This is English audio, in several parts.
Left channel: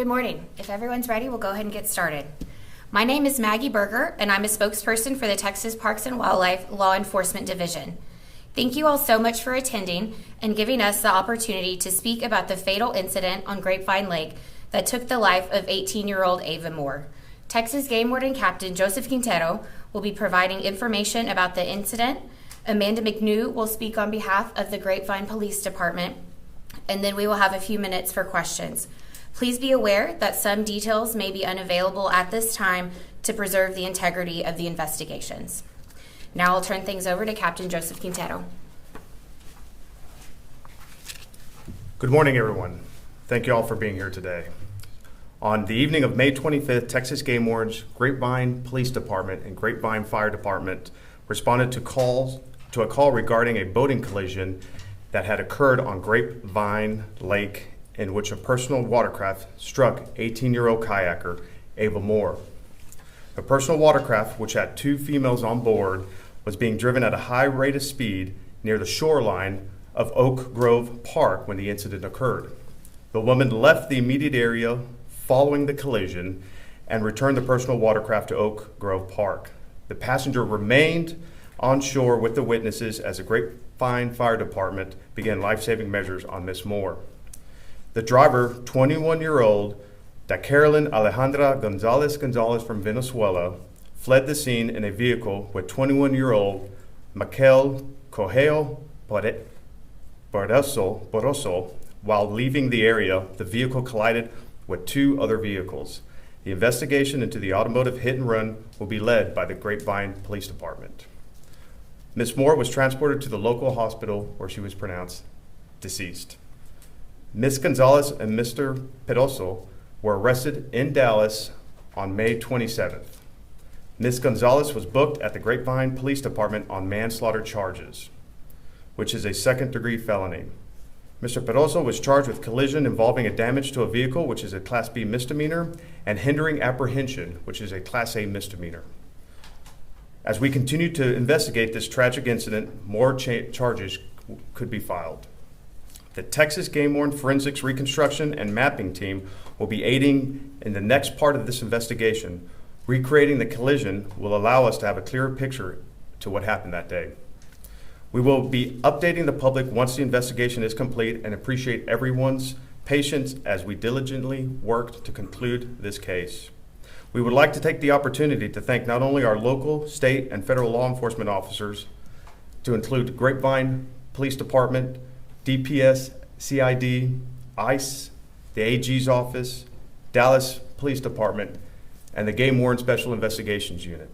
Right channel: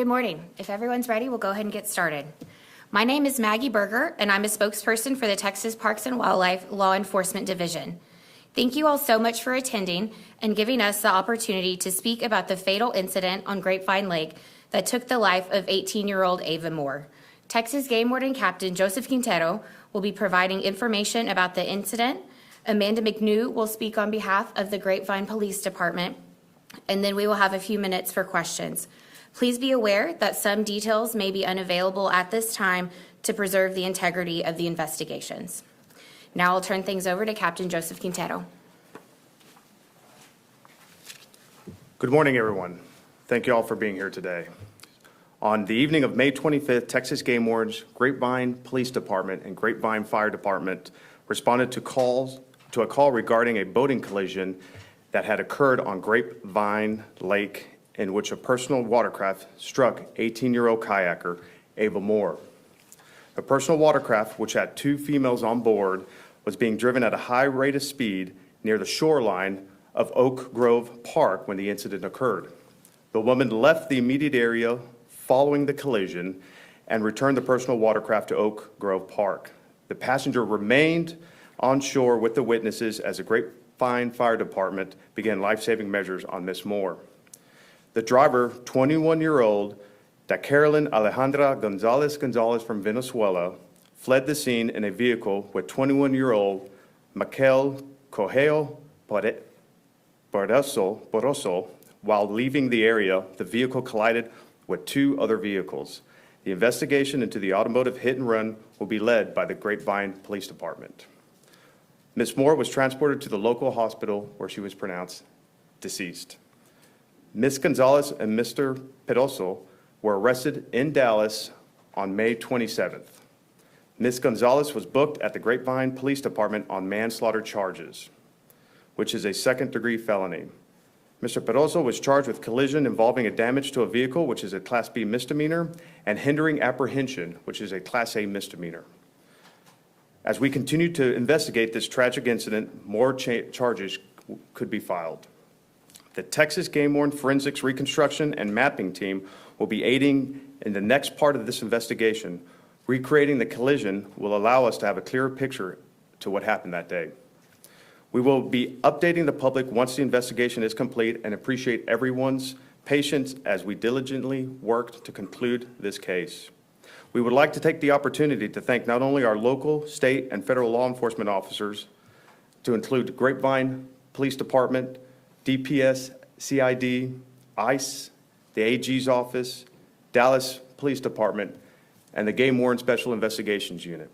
Good morning. If everyone's ready, we'll go ahead and get started. My name is Maggie Berger, and I'm a spokesperson for the Texas Parks and Wildlife Law Enforcement Division. Thank you all so much for attending and giving us the opportunity to speak about the fatal incident on Grapevine Lake that took the life of 18-year-old Ava Moore. Texas Game Warden Captain Joseph Quintero will be providing information about the incident. Amanda McNew will speak on behalf of the Grapevine Police Department, and then we will have a few minutes for questions. Please be aware that some details may be unavailable at this time to preserve the integrity of the investigations. Now I'll turn things over to Captain Joseph Quintero. Good morning, everyone. Thank you all for being here today. On the evening of May 25th, Texas Game Wardens, Grapevine Police Department, and Grapevine Fire Department responded to a call regarding a boating collision that had occurred on Grapevine Lake, in which a personal watercraft struck 18-year-old kayaker Ava Moore. The personal watercraft, which had two females on board, was being driven at a high rate of speed near the shoreline of Oak Grove Park when the incident occurred. The woman left the immediate area following the collision and returned the personal watercraft to Oak Grove Park. The passenger remained on shore with the witnesses as the Grapevine Fire Department began life-saving measures on Miss Moore. The driver, 21-year-old Daikerlyn Gonzalez from Venezuela, fled the scene in a vehicle with 21-year-old Maikel Coello Perozo. While leaving the area, the vehicle collided with two other vehicles. The investigation into the automotive hit and run will be led by the Grapevine Police Department. Ms. Moore was transported to the local hospital where she was pronounced deceased. Ms. Gonzalez and Mr. Perozo were arrested in Dallas on May 27th. Ms. Gonzalez was booked at the Grapevine Police Department on manslaughter charges, which is a second-degree felony. Mr. Perozo was charged with collision involving a damage to a vehicle, which is a Class B misdemeanor, and hindering apprehension, which is a Class A misdemeanor. As we continue to investigate this tragic incident, more charges could be filed. The Texas Game Warden Forensics Reconstruction and Mapping Team will be aiding in the next part of this investigation. Recreating the collision will allow us to have a clearer picture to what happened that day. We will be updating the public once the investigation is complete and appreciate everyone's patience as we diligently work to conclude this case. We would like to take the opportunity to thank not only our local, state, and federal law enforcement officers, to include Grapevine Police Department, DPS, CID, ICE, the AG's office, Dallas Police Department, and the Game Warden Special Investigations Unit.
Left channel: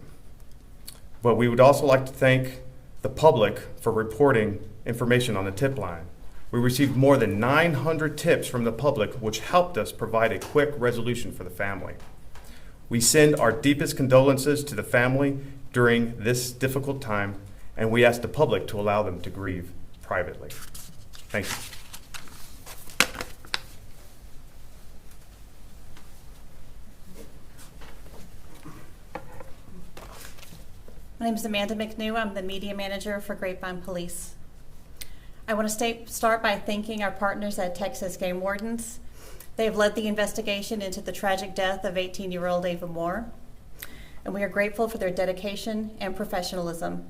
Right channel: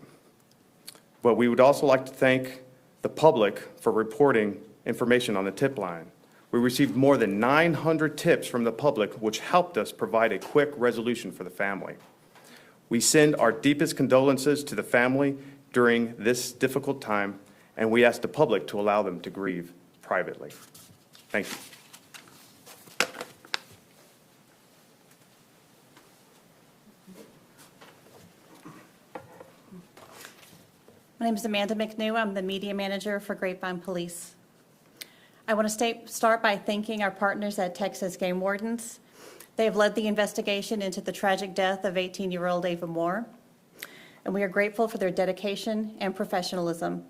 But we would also like to thank the public for reporting information on the tip line. We received more than 900 tips from the public, which helped us provide a quick resolution for the family. We send our deepest condolences to the family during this difficult time, and we ask the public to allow them to grieve privately. Thank you. My name is Amanda McNew. I'm the media manager for Grapevine Police. I want to start by thanking our partners at Texas Game Wardens. They have led the investigation into the tragic death of 18-year-old Ava Moore, and we are grateful for their dedication and professionalism.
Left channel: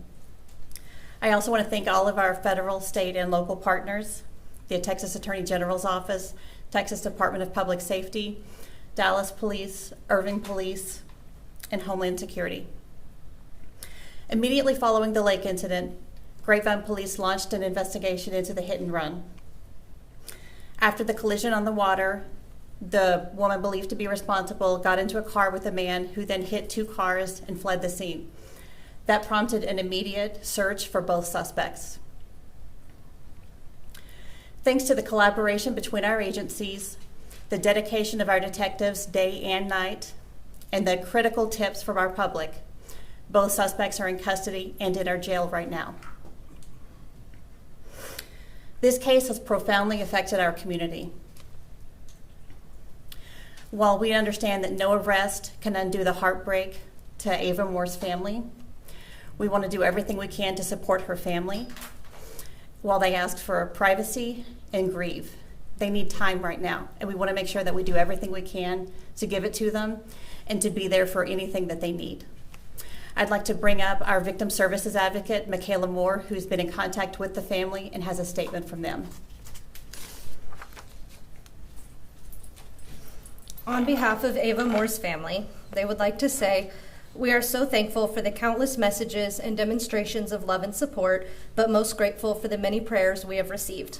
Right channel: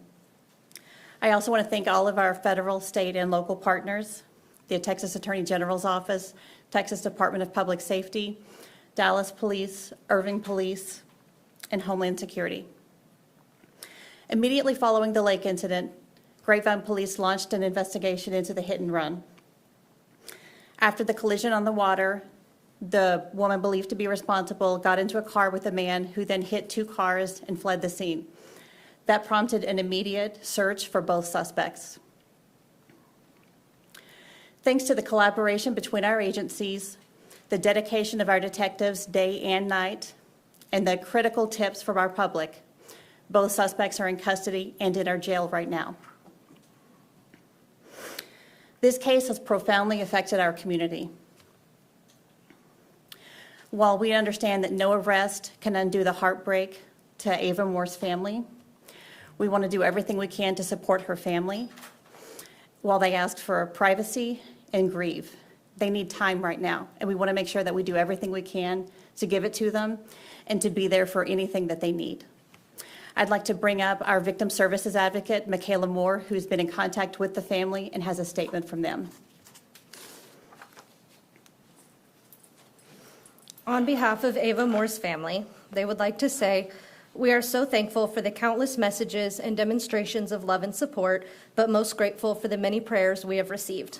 I also want to thank all of our federal, state, and local partners, the Texas Attorney General's Office, Texas Department of Public Safety, Dallas Police, Irving Police, and Homeland Security. Immediately following the lake incident, Grapevine Police launched an investigation into the hit and run. After the collision on the water, the woman believed to be responsible got into a car with a man who then hit two cars and fled the scene. That prompted an immediate search for both suspects. Thanks to the collaboration between our agencies, the dedication of our detectives day and night, and the critical tips from our public, both suspects are in custody and in our jail right now. This case has profoundly affected our community. While we understand that no arrest can undo the heartbreak to Ava Moore's family, we want to do everything we can to support her family while they ask for privacy and grieve. They need time right now, and we want to make sure that we do everything we can to give it to them and to be there for anything that they need. I'd like to bring up our victim services advocate, Ava Moore, who's been in contact with the family and has a statement from them. On behalf of Ava Moore's family, they would like to say, we are so thankful for the countless messages and demonstrations of love and support, but most grateful for the many prayers we have received.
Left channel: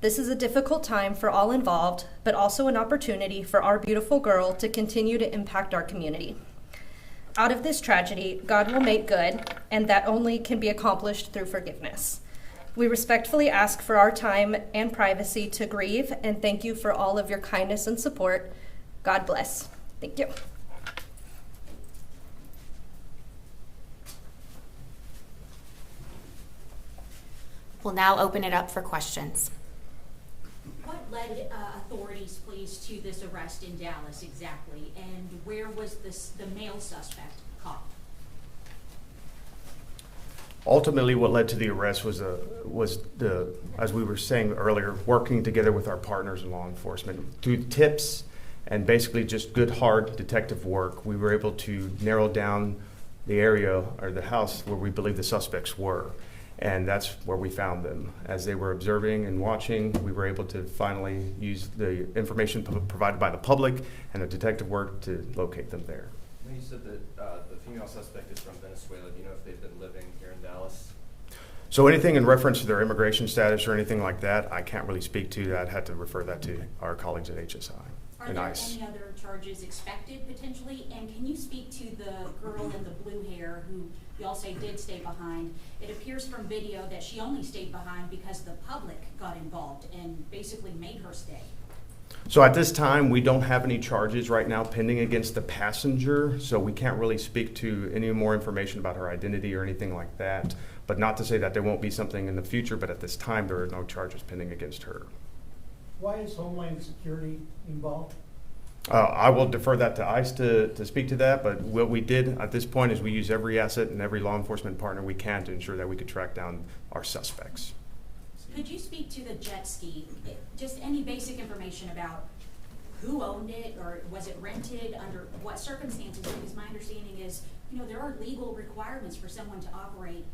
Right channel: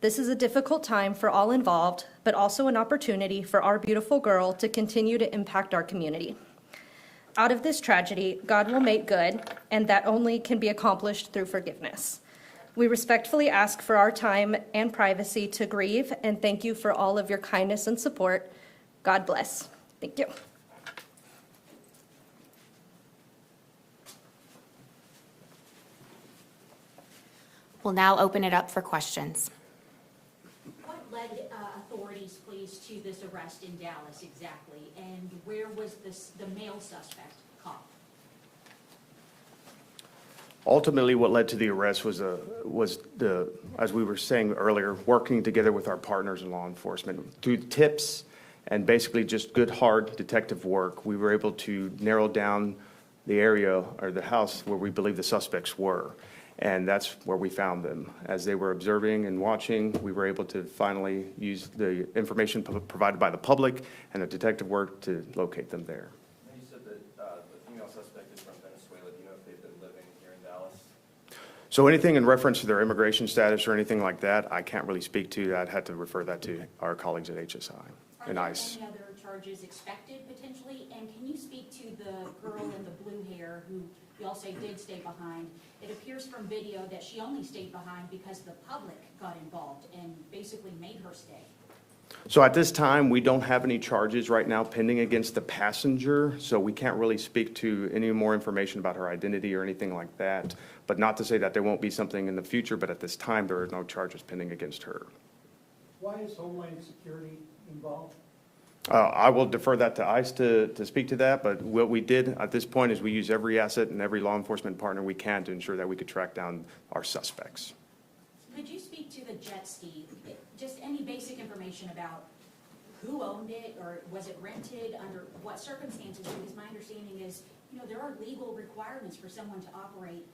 This is a difficult time for all involved, but also an opportunity for our beautiful girl to continue to impact our community. Out of this tragedy, God will make good, and that only can be accomplished through forgiveness. We respectfully ask for our time and privacy to grieve, and thank you for all of your kindness and support. God bless. Thank you. We'll now open it up for questions. What led authorities, please, to this arrest in Dallas exactly, and where was the male suspect caught? Ultimately, what led to the arrest was the, as we were saying earlier, working together with our partners in law enforcement. Through tips and basically just good, hard detective work, we were able to narrow down the area or the house where we believe the suspects were. And that's where we found them. As they were observing and watching, we were able to finally use the information provided by the public and the detective work to locate them there. You said that the female suspect is from Venezuela. Do you know if they've been living here in Dallas? So anything in reference to their immigration status or anything like that, I can't really speak to. I'd have to refer that to our colleagues at HSI and ICE. Are there any other charges expected potentially? And can you speak to the girl in the blue hair who you all say did stay behind? It appears from video that she only stayed behind because the public got involved and basically made her stay. So at this time, we don't have any charges right now pending against the passenger, so we can't really speak to any more information about her identity or anything like that. But not to say that there won't be something in the future, but at this time, there are no charges pending against her. Why is Homeland Security involved? I will defer that to ICE to speak to that, but what we did at this point is we use every asset and every law enforcement partner we can to ensure that we could track down our suspects. Could you speak to the jet ski? Just any basic information about who owned it, or was it rented, under what circumstances? Because my understanding is, there are legal requirements for someone to operate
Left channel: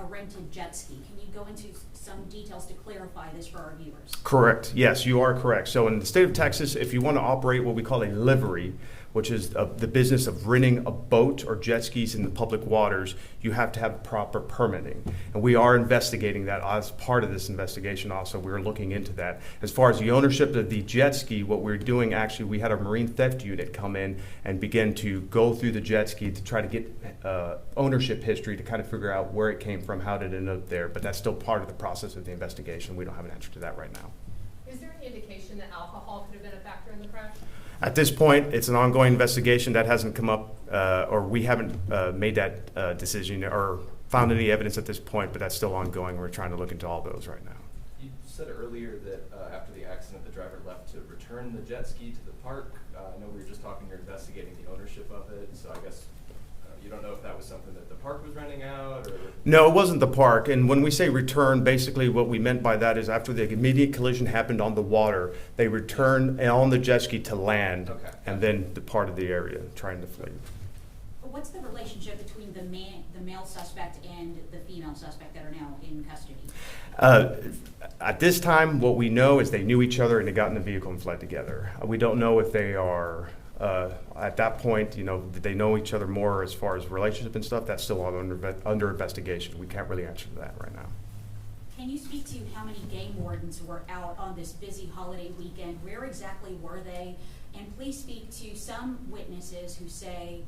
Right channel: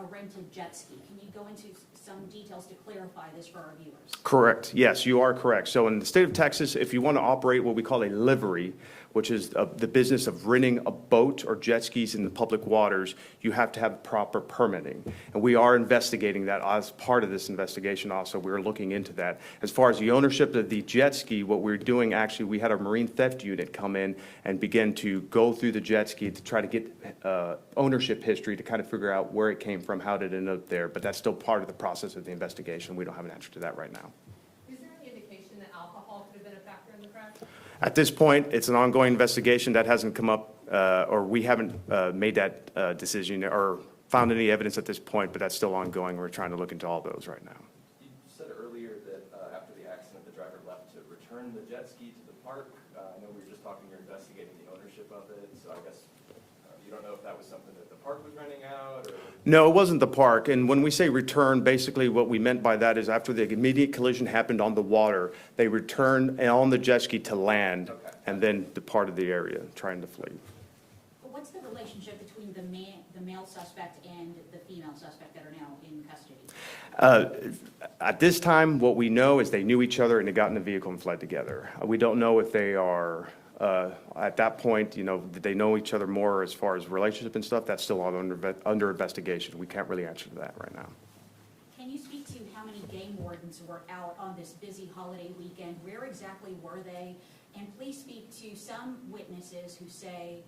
a rented jet ski. Can you go into some details to clarify this for our viewers? Correct. Yes, you are correct. So in the state of Texas, if you want to operate what we call a livery, which is the business of renting a boat or jet skis in the public waters, you have to have proper permitting. And we are investigating that as part of this investigation also. We're looking into that. As far as the ownership of the jet ski, what we're doing actually, we had a marine theft unit come in and begin to go through the jet ski to try to get ownership history to kind of figure out where it came from, how did it end up there. But that's still part of the process of the investigation. We don't have an answer to that right now. Is there any indication that alcohol could have been a factor in the crash? At this point, it's an ongoing investigation that hasn't come up, or we haven't made that decision or found any evidence at this point, but that's still ongoing. We're trying to look into all those right now. You said earlier that after the accident, the driver left to return the jet ski to the park. I know we were just talking, you're investigating the ownership of it, so I guess you don't know if that was something that the park was renting out, or? No, it wasn't the park. And when we say return, basically what we meant by that is after the immediate collision happened on the water, they returned on the jet ski to land, Okay. And then departed the area trying to flee. But what's the relationship between the male suspect and the female suspect that are now in custody? At this time, what we know is they knew each other and they got in the vehicle and fled together. We don't know if they are, at that point, did they know each other more as far as relationship and stuff? That's still all under investigation. We can't really answer that right now. Can you speak to how many game wardens were out on this busy holiday weekend? Where exactly were they? And please speak to some witnesses who say,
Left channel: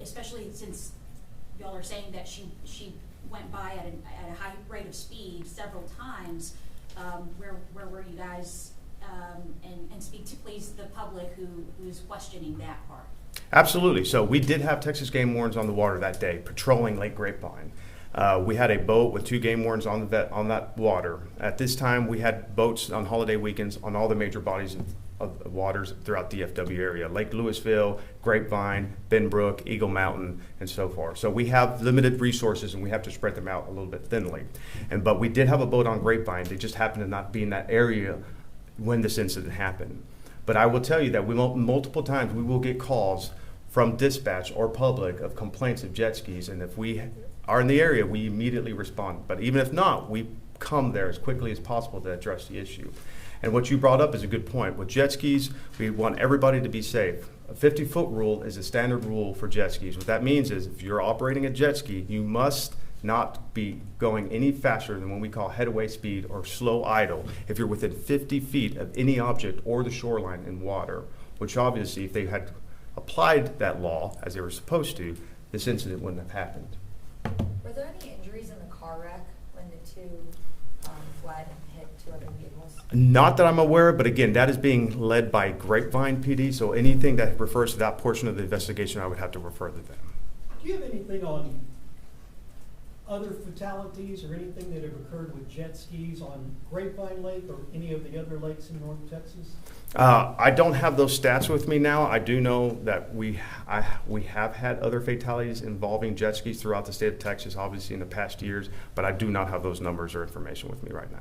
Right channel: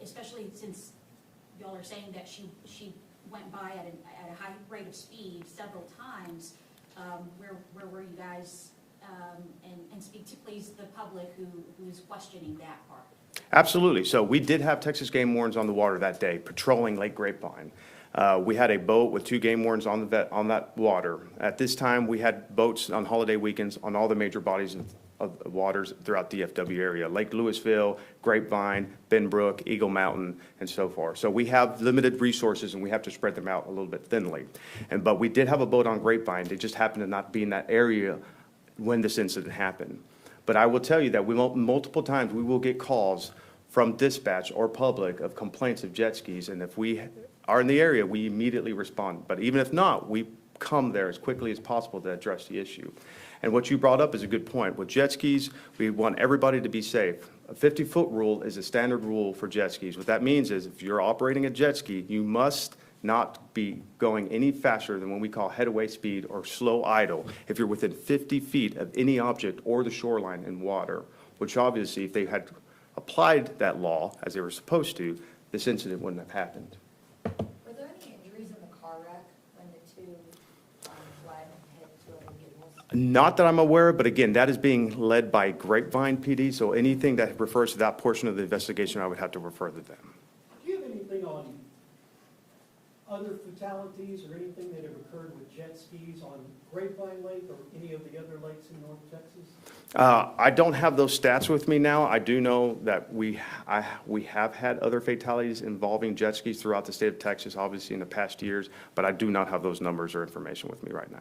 especially since y'all are saying that she went by at a high rate of speed several times, where were you guys? And speak to, please, the public who is questioning that part. Absolutely. So we did have Texas game wardens on the water that day, patrolling Lake Grapevine. We had a boat with 2 game wardens on that water. At this time, we had boats on holiday weekends on all the major bodies of waters throughout the DFW area, Lake Louisville, Grapevine, Benbrook, Eagle Mountain, and so forth. So we have limited resources, and we have to spread them out a little bit thinly. But we did have a boat on Grapevine. They just happened to not be in that area when this incident happened. But I will tell you that multiple times we will get calls from dispatch or public of complaints of jet skis, and if we are in the area, we immediately respond. But even if not, we come there as quickly as possible to address the issue. And what you brought up is a good point. With jet skis, we want everybody to be safe. A 50-foot rule is a standard rule for jet skis. What that means is if you're operating a jet ski, you must not be going any faster than what we call headaway speed or slow idle if you're within 50 feet of any object or the shoreline in water, which obviously if they had applied that law as they were supposed to, this incident wouldn't have happened. Were there any injuries in the car wreck when the two fled and hit two other vehicles? Not that I'm aware of, but again, that is being led by Grapevine PD, so anything that refers to that portion of the investigation, I would have to refer to them. Do you have anything on other fatalities or anything that have occurred with jet skis on Grapevine Lake or any of the other lakes in North Texas? I don't have those stats with me now. I do know that we have had other fatalities involving jet skis throughout the state of Texas, obviously in the past years, but I do not have those numbers or information with me right now.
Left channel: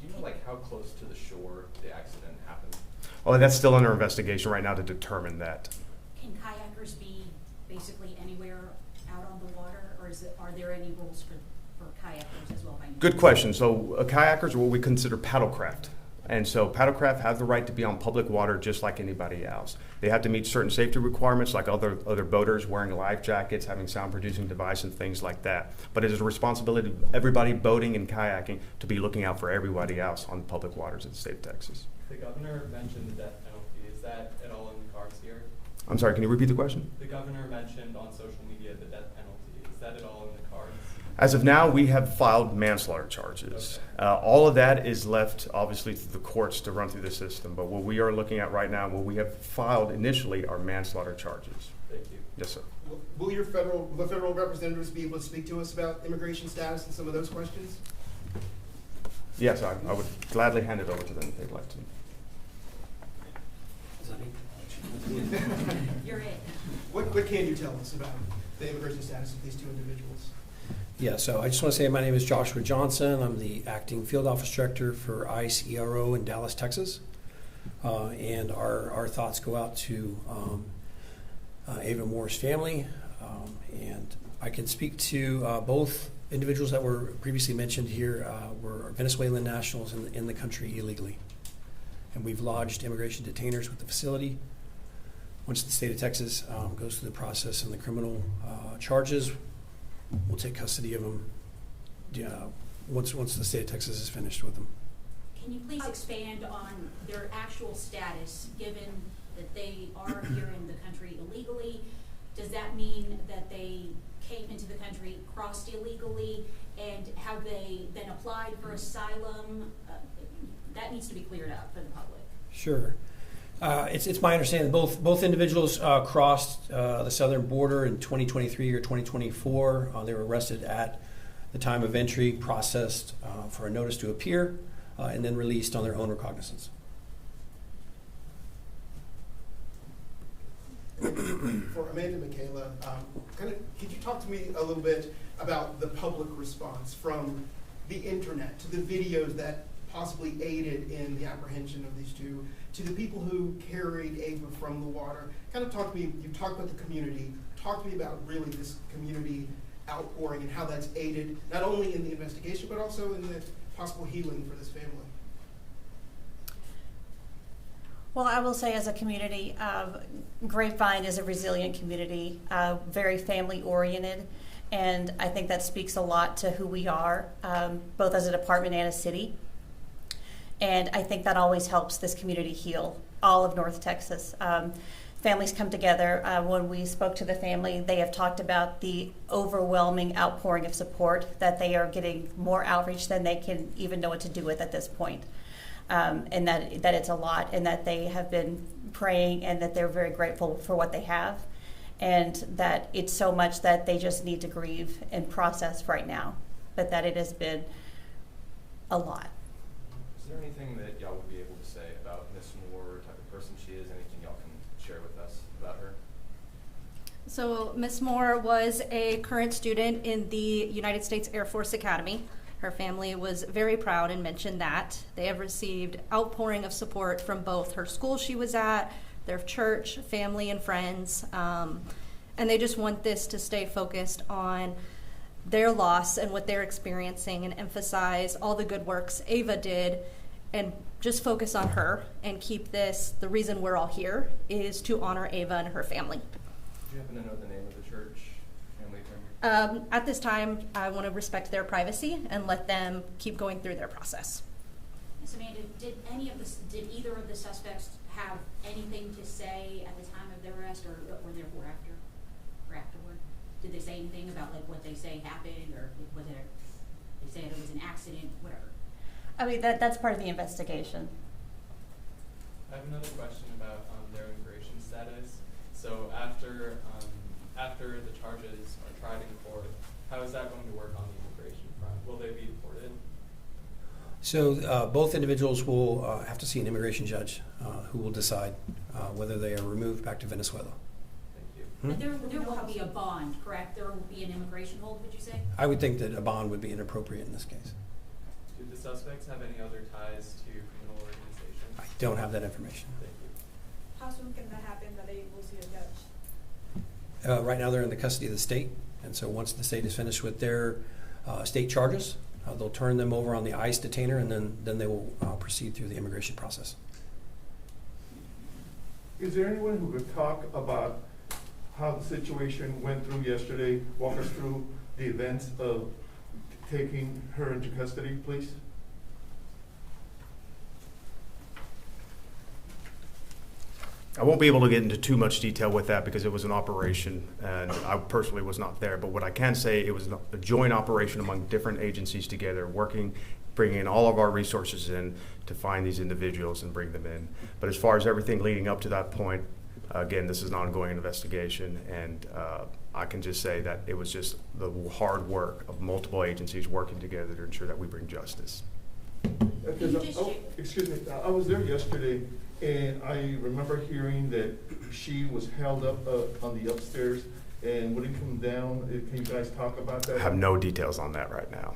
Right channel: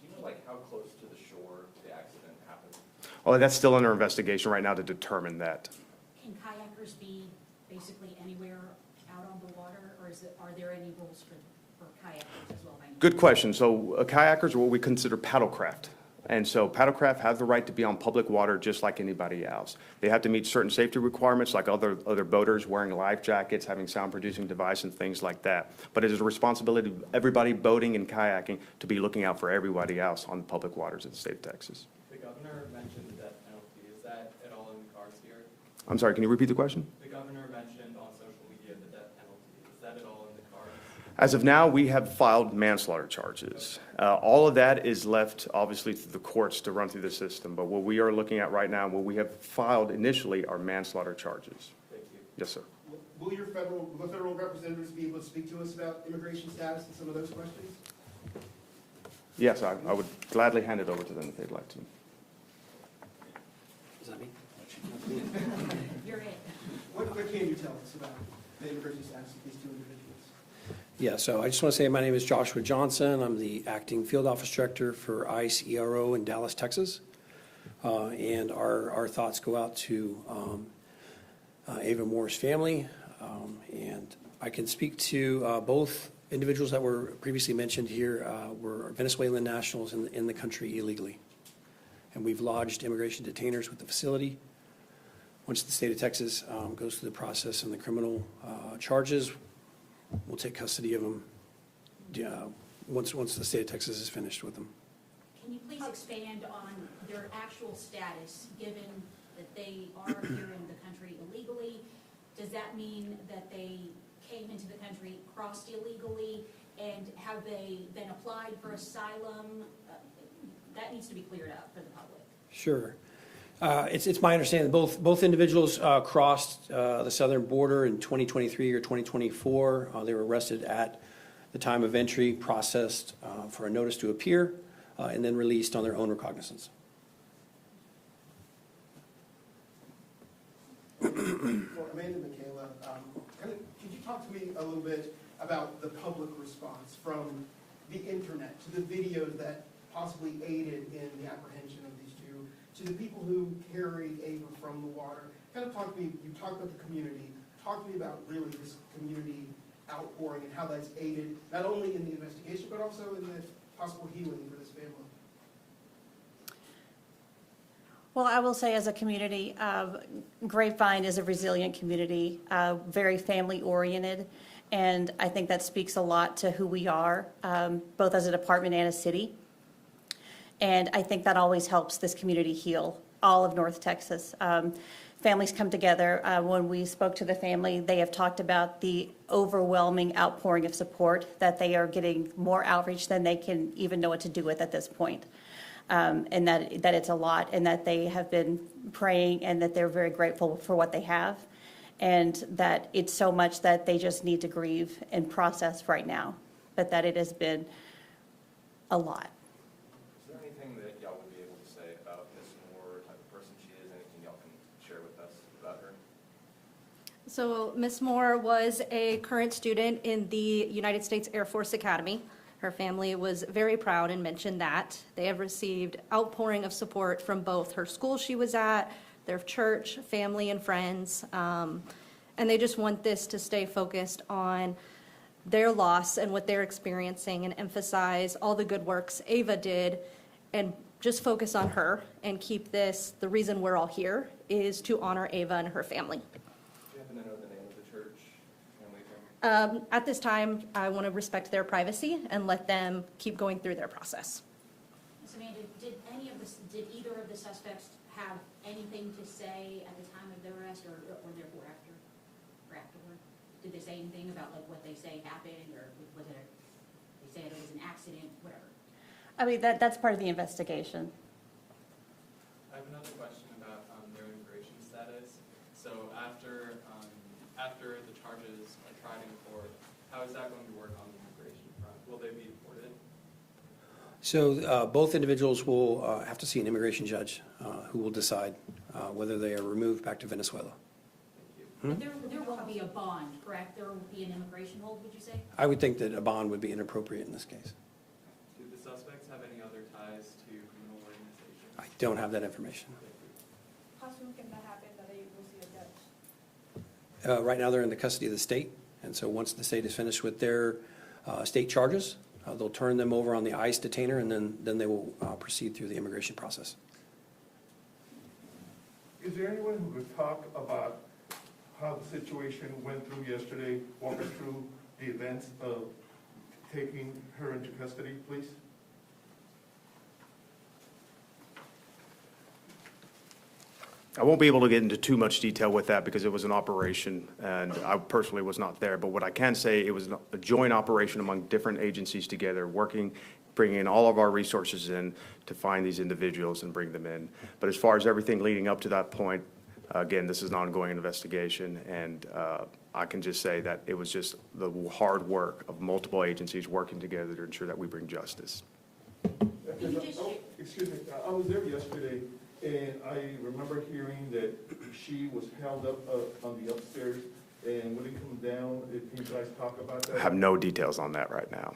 Do you know how close to the shore the accident happened? Well, that's still under investigation right now to determine that. Can kayakers be basically anywhere out on the water, or are there any rules for kayakers as well? Good question. So kayakers are what we consider paddlecraft. And so paddlecraft have the right to be on public water just like anybody else. They have to meet certain safety requirements like other boaters, wearing life jackets, having sound-producing device, and things like that. But it is a responsibility of everybody boating and kayaking to be looking out for everybody else on public waters of the state of Texas. The governor mentioned the death penalty. Is that at all in the cards here? I'm sorry, can you repeat the question? The governor mentioned on social media the death penalty. Is that at all in the cards? As of now, we have filed manslaughter charges. All of that is left, obviously, through the courts to run through the system. But what we are looking at right now, what we have filed initially, are manslaughter charges. Thank you. Yes, sir. Will the federal representatives be able to speak to us about immigration status and some of those questions? Yes, I would gladly hand it over to them if they'd like to. Is that me? You're it. What can you tell us about the immigration status of these two individuals? Yeah, so I just want to say my name is Joshua Johnson. I'm the acting field office director for ICE ERO in Dallas, Texas. And our thoughts go out to Ava Moore's family. And I can speak to both individuals that were previously mentioned here were Venezuelan nationals in the country illegally. And we've lodged immigration detainers with the facility. Once the state of Texas goes through the process and the criminal charges, we'll take custody of them once the state of Texas is finished with them. Can you please expand on their actual status, given that they are here in the country illegally? Does that mean that they came into the country, crossed illegally, and have they then applied for asylum? That needs to be cleared up for the public. Sure. It's my understanding both individuals crossed the southern border in 2023 or 2024. They were arrested at the time of entry, processed for a notice to appear, and then released on their own recognizance. For Amanda Michaela, could you talk to me a little bit about the public response from the internet to the videos that possibly aided in the apprehension of these two, to the people who carried Ava from the water? Kind of talk to me, you talked about the community, talk to me about really this community outpouring and how that's aided not only in the investigation but also in the possible healing for this family. Well, I will say as a community, Grapevine is a resilient community, very family-oriented, and I think that speaks a lot to who we are, both as a department and a city. And I think that always helps this community heal, all of North Texas. Families come together. When we spoke to the family, they have talked about the overwhelming outpouring of support, that they are getting more outreach than they can even know what to do with at this point. And that it's a lot, and that they have been praying, and that they're very grateful for what they have, and that it's so much that they just need to grieve and process right now, but that it has been a lot. Is there anything that y'all would be able to say about Ms. Moore, type of person So Ms. Moore was a current student in the United States Air Force Academy. Her family was very proud and mentioned that. They have received outpouring of support from both her school she was at, their church, family, and friends. And they just want this to stay focused on their loss and what they're experiencing and emphasize all the good works Ava did and just focus on her and keep this, the reason we're all here is to honor Ava and her family. Do you happen to know the name of the church, family? At this time, I want to respect their privacy and let them keep going through their process. Ms. Amanda, did either of the suspects have anything to say at the time of their arrest or therefore after or afterward? Did they say anything about like what they say happened or whether they say it was an accident, whatever? I mean, that's part of the investigation. I have another question about their immigration status. So after the charges are tried in court, how is that going to work on the immigration front? Will they be deported? So both individuals will have to see an immigration judge who will decide whether they are removed back to Venezuela. Thank you. But there will be a bond, correct? There will be an immigration hold, would you say? I would think that a bond would be inappropriate in this case. Do the suspects have any other ties to criminal organizations? I don't have that information. Thank you. How soon can that happen that they will see a judge? Right now they're in the custody of the state, and so once the state is finished with their state charges, they'll turn them over on the ICE detainer, and then they will proceed through the immigration process. Is there anyone who could talk about how the situation went through yesterday? Walk us through the events of taking her into custody, please. I won't be able to get into too much detail with that because it was an operation and I personally was not there. But what I can say, it was a joint operation among different agencies together, working, bringing all of our resources in to find these individuals and bring them in. But as far as everything leading up to that point, again, this is an ongoing investigation, and I can just say that it was just the hard work of multiple agencies working together to ensure that we bring justice. Excuse me, I was there yesterday, and I remember hearing that she was held up on the upstairs and wouldn't come down. Can you guys talk about that? I have no details on that right now.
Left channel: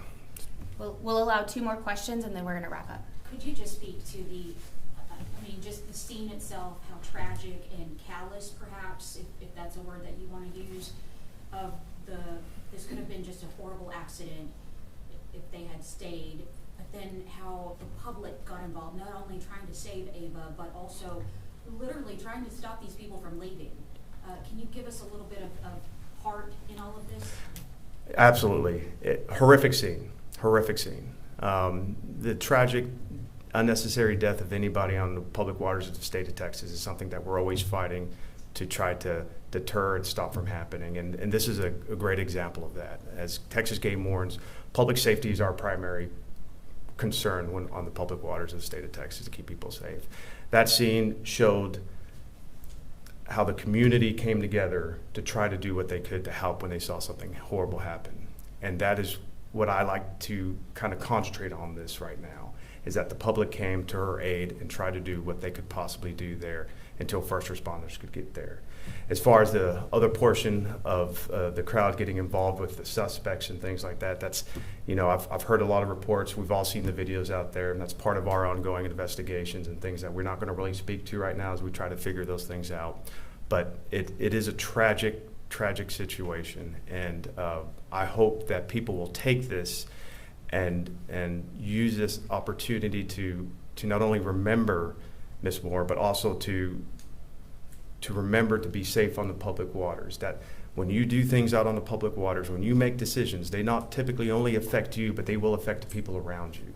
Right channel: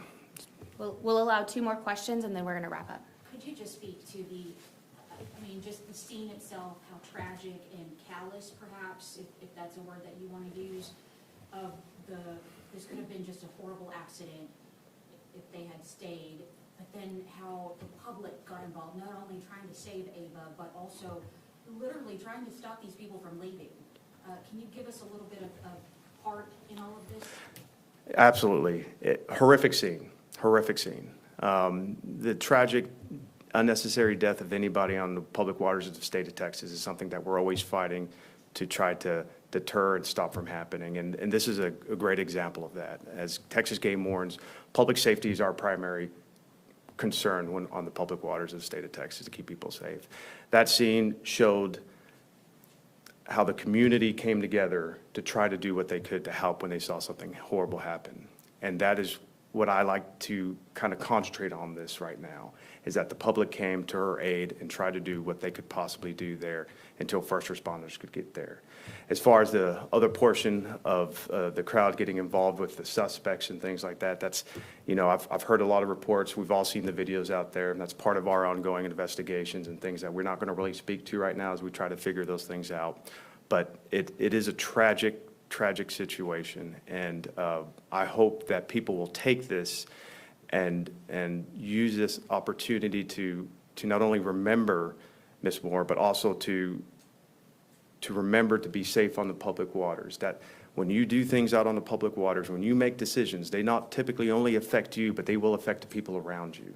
We'll allow 2 more questions and then we're going to wrap up. Could you just speak to just the scene itself, how tragic and callous, perhaps, if that's a word that you want to use, of this could have been just a horrible accident if they had stayed, but then how the public got involved, not only trying to save Ava, but also literally trying to stop these people from leaving. Can you give us a little bit of part in all of this? Absolutely. Horrific scene. The tragic, unnecessary death of anybody on the public waters of the state of Texas is something that we're always fighting to try to deter and stop from happening. And this is a great example of that. As Texas game wardens, public safety is our primary concern when on the public waters of the state of Texas to keep people safe. That scene showed how the community came together to try to do what they could to help when they saw something horrible happen. And that is what I like to kind of concentrate on this right now, is that the public came to her aid and tried to do what they could possibly do there until first responders could get there. As far as the other portion of the crowd getting involved with the suspects and things like that, that's, I've heard a lot of reports. We've all seen the videos out there, and that's part of our ongoing investigations and things that we're not going to really speak to right now as we try to figure those things out. But it is a tragic situation, and I hope that people will take this and use this opportunity to not only remember Miss Moore, but also to remember to be safe on the public waters. That when you do things out on the public waters, when you make decisions, they not typically only affect you, but they will affect the people around you.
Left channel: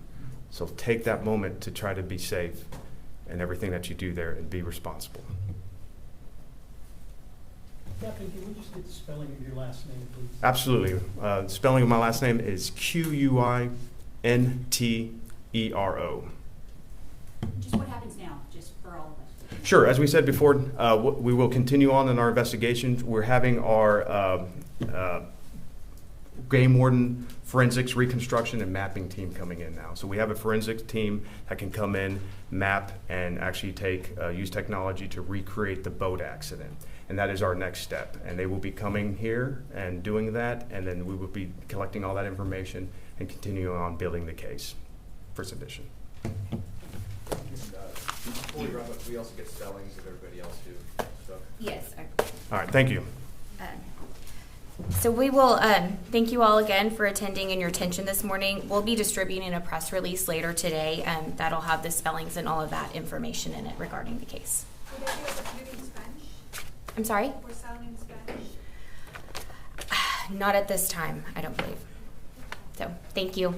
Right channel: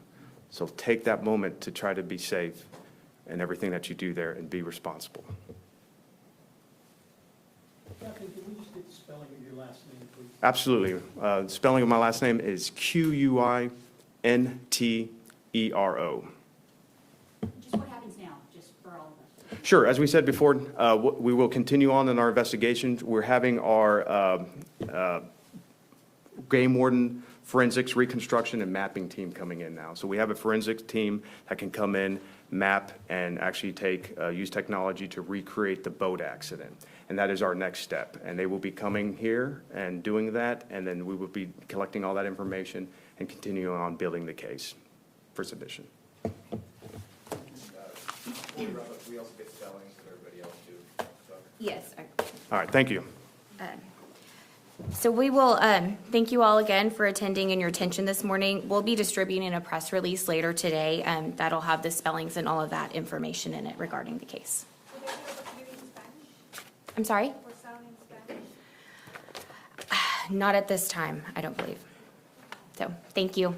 So take that moment to try to be safe in everything that you do there and be responsible. Captain, can we just get the spelling of your last name, please? Absolutely. The spelling of my last name is Quintero. Just what happens now, just for all of us? Sure. As we said before, we will continue on in our investigations. We're having our game warden, forensics, reconstruction, and mapping team coming in now. So we have a forensics team that can come in, map, and actually use technology to recreate the boat accident. And that is our next step. And they will be coming here and doing that, and then we will be collecting all that information and continuing on building the case for submission. Before we wrap up, we also get spellings of everybody else too. Yes. All right, thank you. So we will thank you all again for attending and your attention this morning. We'll be distributing a press release later today that'll have the spellings and all of that information in it regarding the case. Will they be able to do it in Spanish? I'm sorry? For sound in Spanish? Not at this time, I don't believe. So, thank you.